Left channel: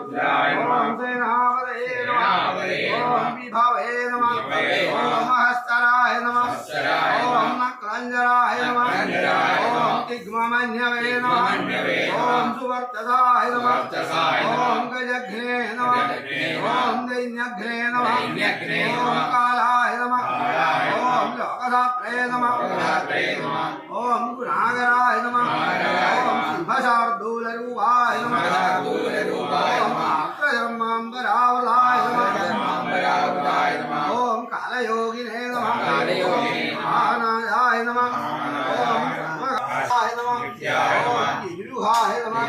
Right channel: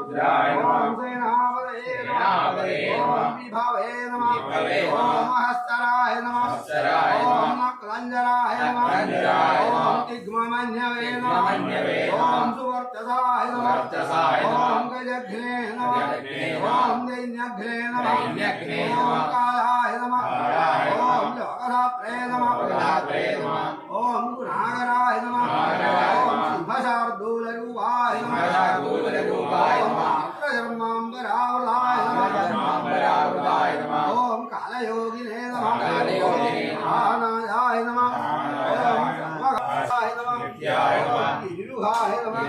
ओम सेनापतये नमः ओम विभवे नमः ओम हस्तराय नमः ओम नक्लंजराय नमः ओम तिग्ममन्यवे नमः ओम सुवर्तसाय नमः ओम गजघ्ने नमः ओम दैन्यघ्ने नमः ओम कालाय नमः ओम लोकधात्रे नमः ओम गुणागराय नमः ओम सिंहशार्दूलरूपाय नमः ओम आक्रधर्माम्बरावलाय नमः ओम कालयोगिने नमः महानायाय नमः ओम सर्वगाय नमः ओम गिरिरुहाय नमः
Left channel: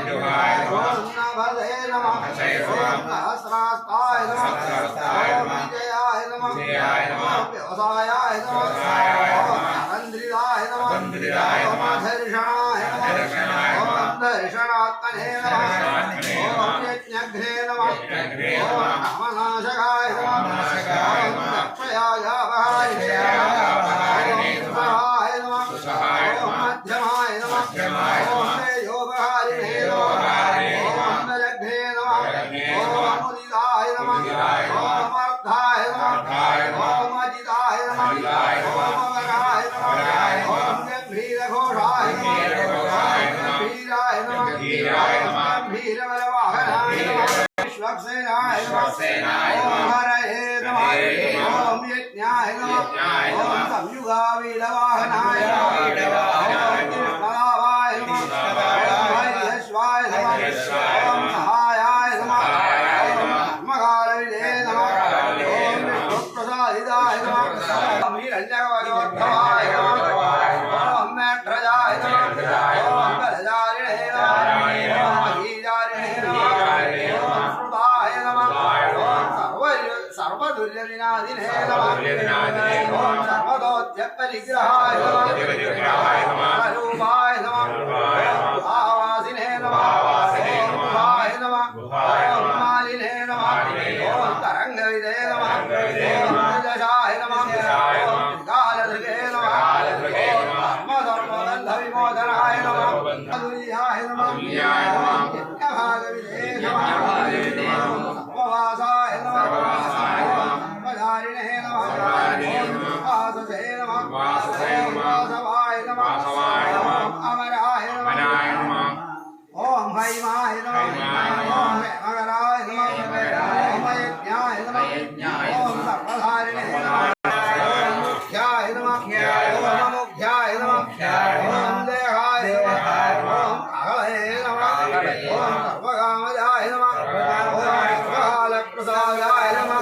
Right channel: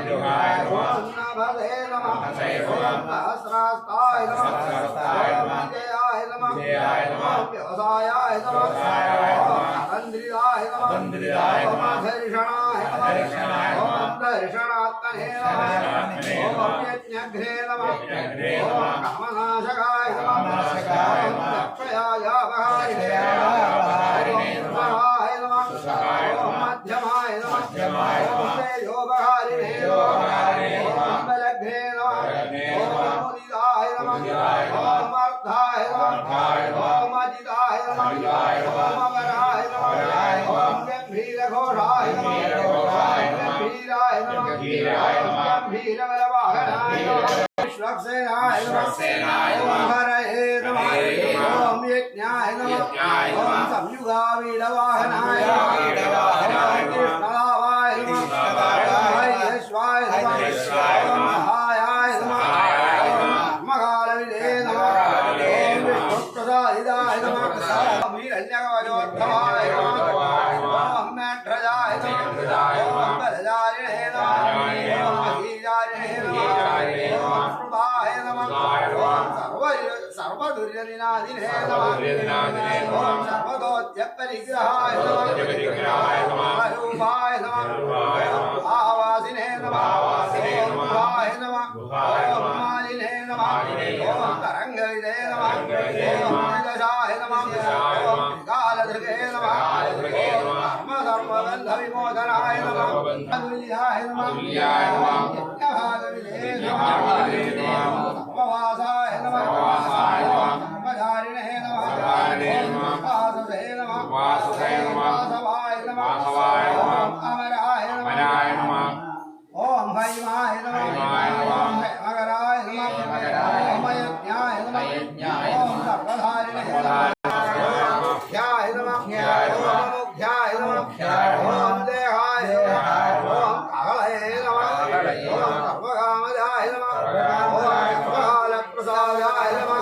ओम नभदे नमः ओम सहस्रास्ताय नमः ओम विजयाय नमः ओम व्यवसायाय नमः ओम धरन्द्रियाय नमः ओम धर्षणाय नमः ओम दर्शनात्मने नमः ओम यज्ञघ्ने नमः ओम कामनाशकाय नमः ओम दक्षयाय अपहारिणे नमः ओम मध्यमाय नमः ओम तेजोपहारिणे ओम बलघ्ने नमः ओम मुदिताय नमः ओम अर्थाय नमः ओम अजिताय नमः ओम अमराय नमः ओम गंभीरघोषाय नमः गंभीराय नमः गंभीरबलवाहनाय नमः विश्वक्सेनाय नमः ओम हरये नमः ओम यज्ञाय नमः ओम संयुगावीडवाहनाय नमः ओम कृष्णलाभाय नमः ओम हरियश्वाय नमः ओम सहायाय नमः ओम धर्मकालविदे नमः ओम विष्णुप्रसादिताय नमः ओम हिरण्यकवचोद्भवाय नमः ओम मेघ्रजाय नमः ओम बलजारिणे नमः ओम महीजारिणे नमः ओम श्रुताय नमः ओम सर्वदुर्यदिनादिने नमः ओम सर्वदोत्यपरिग्रहाय नमः रूपाय नमः ओम आवासिने नमः ओम गुहाय नमः ओम मालिने नमः ओम तरंगविदे नमः ओम निजशाय नमः ओम कालधृगे नमः ओम धर्मगन्धविमोचनाय नमः दुर्याय नमः यज्ञभागविदे नमः सर्ववासाय नमः ओम सर्वधारिणे नमः ओम वासवे नमः ओम वासवाय नमः ओम अमराय नमः ओम हैमाय नमः ओम प्रेमकराय नमः ओम यज्ञाय नमः ओम सर्वधारिणे नमः ओम मुख्याय नमः ओम मुख्याय नमः ओम देहाय नमः ओम कालये नमः ओम सर्वकामजाय नमः ओम सर्वकालप्रसादाय नमः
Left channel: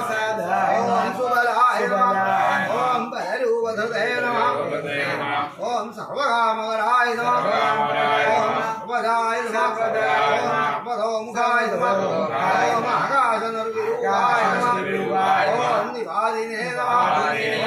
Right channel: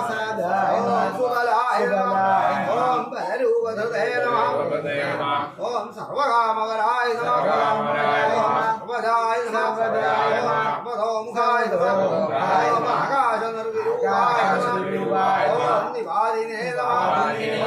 ओम सुबलाय नमः ओम बलरूपधृते नमः ओम सर्वकामकराय नमः ओम सर्वदाय नमः ओम सर्वतोमुखाय नमः ओम आकाशनिर्विरूपाय नमः ओम निवादिने नमः